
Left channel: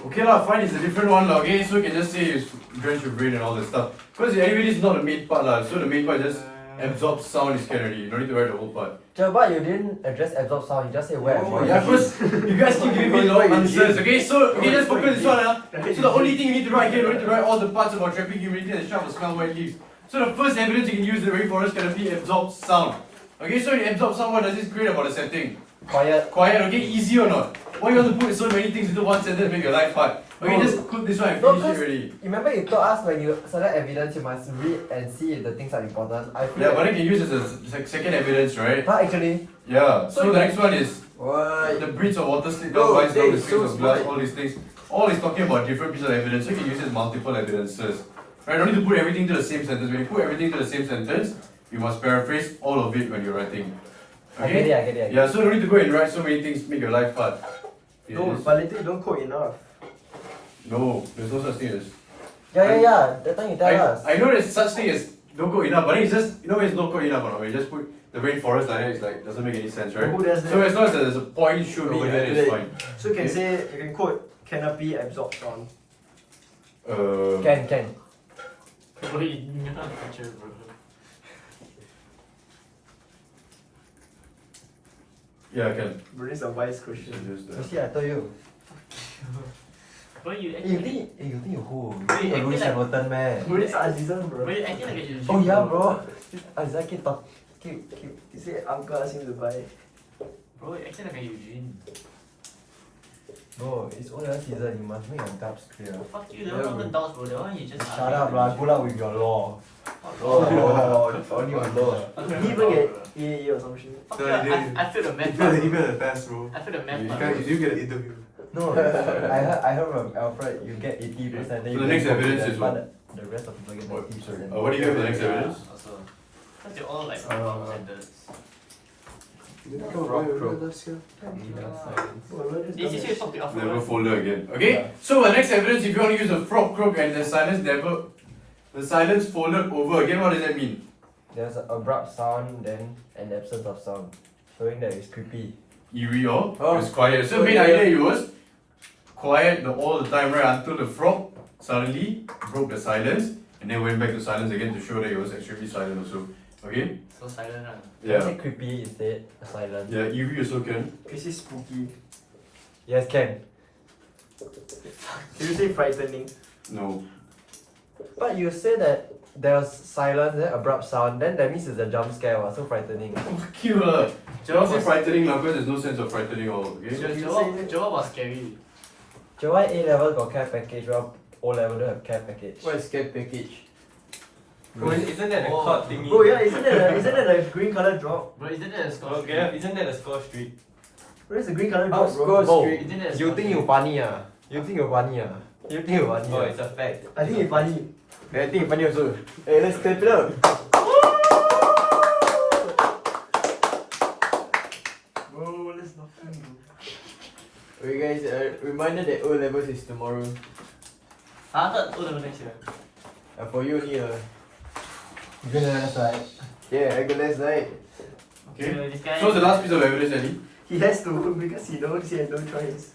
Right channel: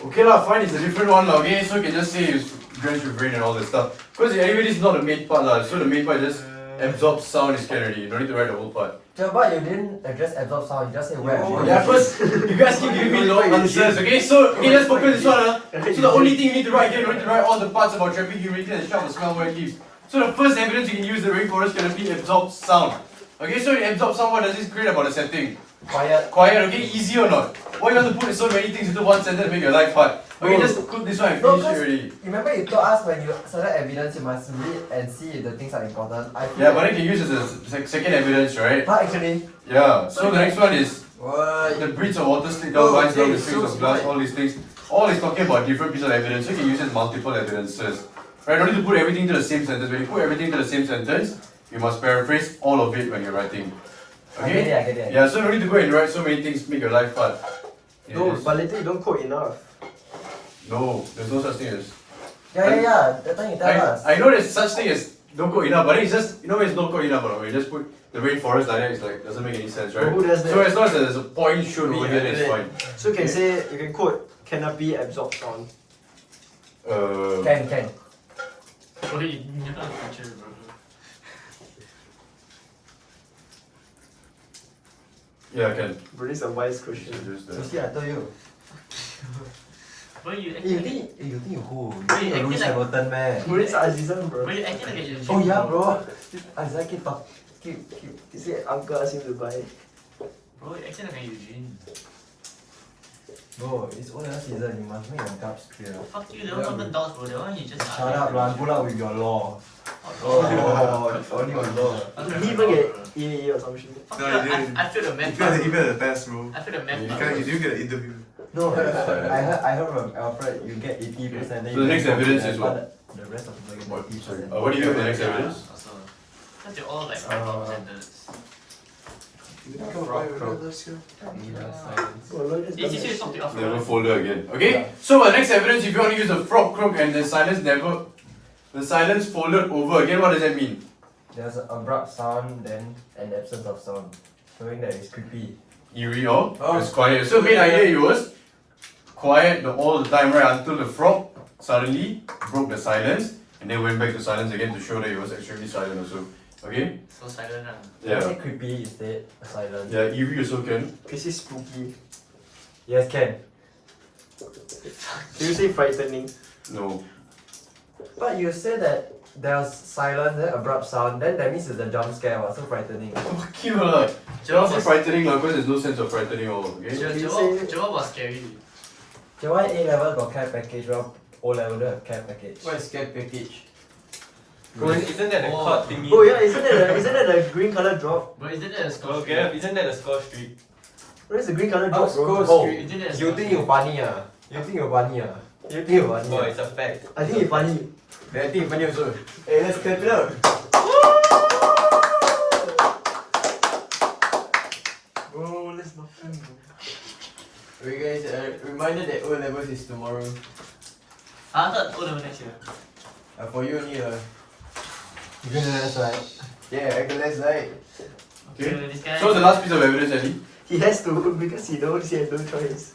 Okay lah, fine, it's a different one lah, okay? So you can just say it's drenched with rain and all that stuff. Because anyway, this is not the main part lah. So the main part just absorb sound is can already. You don't need to write the whole part. Sure, but you didn't address absorb sound. You just say wet. Oh, Yeah, because you guys keep giving me long answers, okay? So, okay, just focus this one, So the only thing you need to write here, you don't need to write all the parts about trapping humidity and sharp smell wet leaves. So the first evidence you can use the rainforest canopy absorb sound. Okay, so it absorbs sound, what does this create about the setting? Quiet. Quiet, okay? Easy or not? Why you want to put so many things into one sentence and make your life hard? Okay, No. just cook this one and No, finish it cause- already. Remember you told us when you select evidence, you must read and see if the things are important. I feel Yeah, but then you can use it as a second evidence, right? but actually, Yeah, so the next one is What? the bridge of water slid down Oh, vines down the that's strings so of glass, smart. all these things. All is talking about different pieces of evidence, so you can use it as multiple evidences. Right, don't need to put everything to the same sentence. When you put everything to the same sentence, you must paraphrase all of it when you're writing. I get it, Okay? I get it. Yeah, so you don't need to go and write so many things, make your life hard. No, Yes. but later you don't quote enough. No, there's no such thing as. Yeah. That time you tell us. I know there's such thing as don't go enough, but then it's just, you know, it's not go enough, but when you just put the rainforest like that, it's like, doesn't make any sense, right? Who does So that? as long as there's a point should be Oh, here, it's yeah. fine. So you can say, you can quote canopy absorb sound. Can. Bro, you never feature, bro. Yeah, I can. Bro, this is a wise question. Use You that. see, I told you. Bro, you Eh, acting you like think you who? Wait, You acting Lewis like- Hamilton, man. Bro, this is Azizan, bro. Bro, you acting like a Oh yeah, bro. Isaac keep talk. Keep. He said uncle asked him to buy. Bro, you acting like a Eugene. Bro, it's only one season. You must make your doubts clear. Fuck you, that one not even doubts, bro. That one you just Shut up, lah. Pull up with your law. Oh, Only one law. He didn't even get EAE or some shit. Fuck No, yeah, you didn't. I feel the You math failed, part. you failed the test, bro. I feel the You math You part. can't, you didn't get an interview. No, I heard from Alfred you get 80%. So the next evidence is what? The rest of the get What? 90%. Sorry. What do you have for the next evidence? Also, because they're all like Uh, standards. Did I come up with this here? Well, look, It's easy to talk to after. Never folder again. Okay? So the next evidence, if you want to use a frog croak and the silence folded over again, what does that mean? There's an abrupt sound, then an absence of sound, showing that it's creepy. Eerie or Oh. it's quiet. So main idea it was quiet all the time, right? Until the frog suddenly broke the silence and then went back to silence again to show that it was extremely silent also. Okay? So silent. Can Yeah. say creepy instead, silent. Yeah, eerie also can. Can you say spooky? Yes, can. Can you say frightening? No. But you said that there's silence, then abrupt sound, then that means it's a jump scare, so frightening. Fuck you lah. Cannot say frightening lah, because there's no sense of frightening all, okay? Joel was scary. Okay, why A level got care package, while O level don't have care package? What is care package? Isn't that the Oh. court thingy? Oh yeah, isn't that the green color drop? But isn't that a score? Okay, isn't that the score streak? Where's the green color drop, bro? Score Oh, streak. Isn't that a you score think you funny ah? You think you funny ah? You think you funny Oh, ah? it's a fact. I think it's funny. I think it's funny also. Hey, let's clap it up. Bro, let's not fun, bro. Okay guys, reminder that O levels is tomorrow. I thought O level next year. For you only You can let us right. yeah, I can less right. Okay, this guy. So what's the last piece of evidence, Eddie? He has to because he knows he has no choice.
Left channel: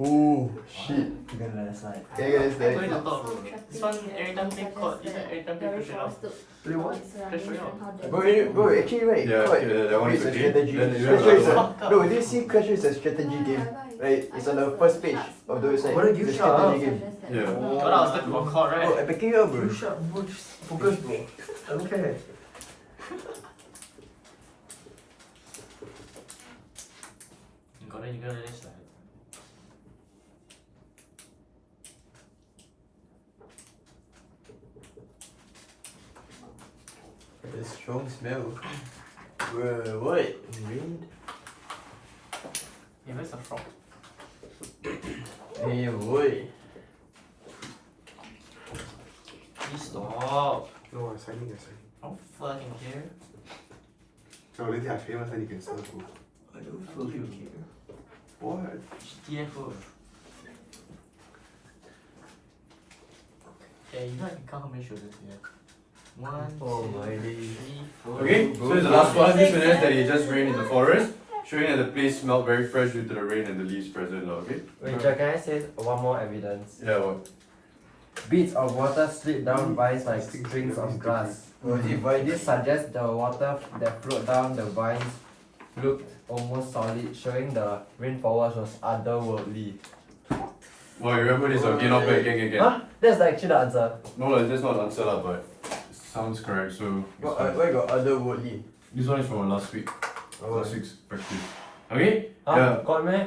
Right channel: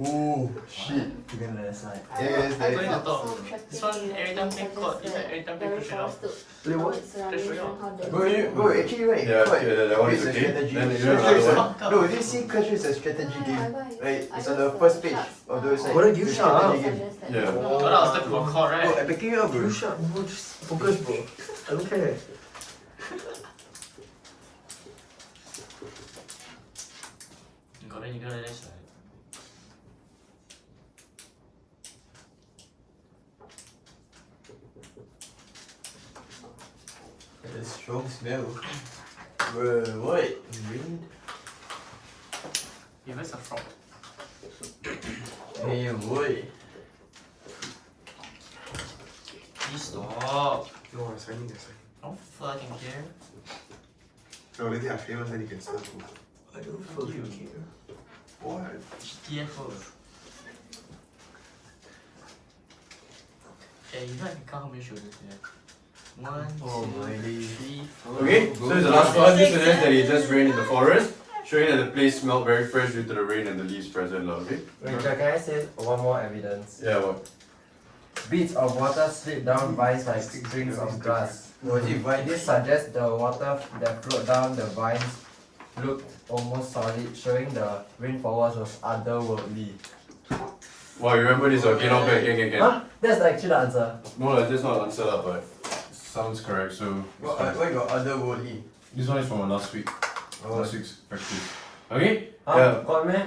Ooh, shit. You can let us right. Yeah guys, I'm going that, to talk. This one every time get caught. It's like every time get pushed off. Play what? bro, actually right, Yeah, quite- yeah, that one is it's a okay. strategy. Then you know Clash Royale is another a- one. No, this see Clash Royale is a strategy game. Right, it's on the first page of the website. What are you It's a shut up? strategy game. Yeah. But I was like for caught, Bro, right? I'm backing you up, bro. You shut, bro. Just focus, bro. I don't care. You gotta let us right. The strong smell. Bro, what? Wind? Give us a frog. Hey, boy. Please stop. No, I'm signing, I'm signing. I don't fucking care. No, later I famous and you can serve food. I don't fucking care. What? GTFO. Yeah, you know I can count how many shoulders we have. 1, Oh 2, my 3, 4. Okay, so it's the last one. This suggests that it just rained in the forest, showing that the place smelled very fresh due to the rain and the leaves present, lah, okay? Wait, can I say one more evidence? Yeah, what? Beads of water slip down vines like strings of glass. Was it by This suggests the water that flowed down the vines looked almost solid, showing the rainfall was otherworldly. Wow, you remember this? Okay, not bad, again. Huh? That's actually the answer. No, lah, that's not the answer, lah, but sounds correct, so. Why got otherworldly? This one is from last week. Oh, Last week's practice. Okay? Huh? Yeah. Got me?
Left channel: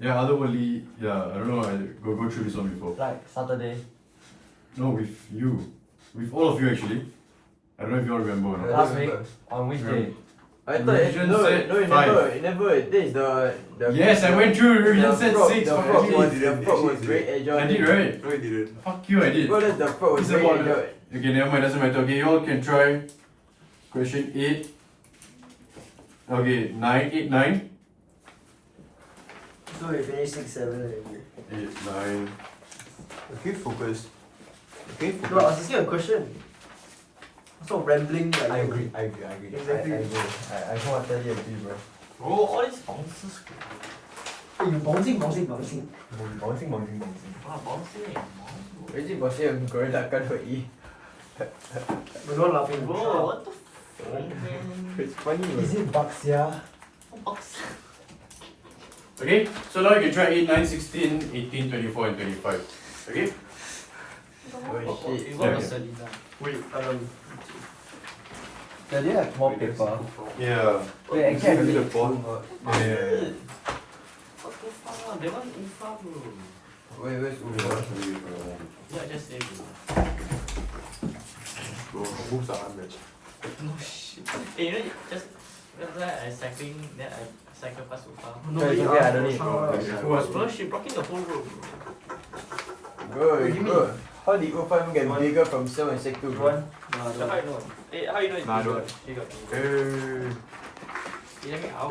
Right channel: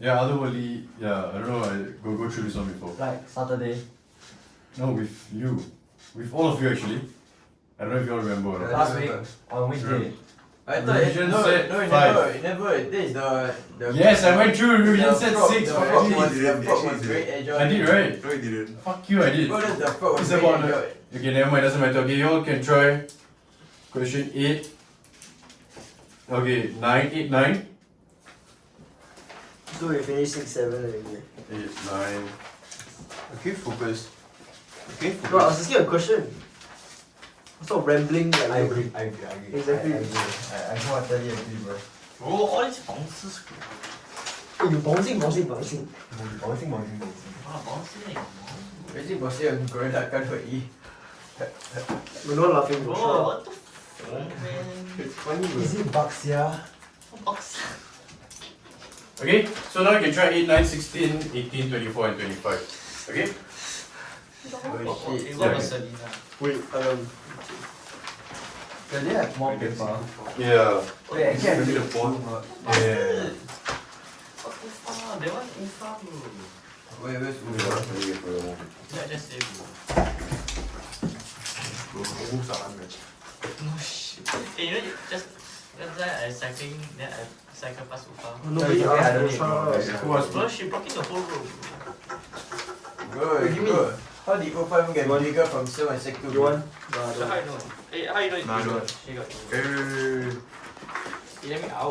Yeah, otherworldly, yeah, I don't know, I go through this one before. Like Saturday. No, with you. With all of you actually. I don't know if you all remember or not. Last week. On which day? I thought it, Religion no, said no, it five. never, it never. This is the Yes, I went through, the religion said frog- 6 the for frog Eddie. was, the frog was very agile. I did, right? No, you didn't. Fuck you, I did. Bro, that's the frog was It's very about agile. Okay, never mind, doesn't matter. Okay, you all can try question 8. Okay, 9, 8, 9. So we finished 6, 7 already. 8, 9. Okay, focus. Okay, No, I was focus. asking a question. Stop rambling like I agree. Exactly. I agree. I wholeheartedly agree, bro. Bro, all these bounces. Hey, you bouncing. Bouncing, bouncing. Oh, bouncing. Imagine boss yang korang takkan buat E. We're not laughing, Bro, bro. what the fuck, man? It's funny bro. Is it bugs, yeah? Box. Okay, so now you can try 8, 9, 16, 18, 24, and 25. Okay? Oh shit. You got the Selena. Wait, Yeah, do you have more paper? Yeah. Wait, actually I Maybe need the the font. phone. Yeah. What the fuck? That one in front, bro. Where's Uber? Yeah, just say, bro. Bro, moves are unmatched. No shit. Hey, you know, just that's why I cycling, then I cycle past Ufa. nobody Yeah, asked I for need Shah. it, bro. Bro, she blocking the whole road. Bro, Wait, give me- bro. How did Ufam get bigger from 7 and Sec 2? You want? So how you know? How you know it's Nah, I don't bigger? want. She got Hey. You let me out.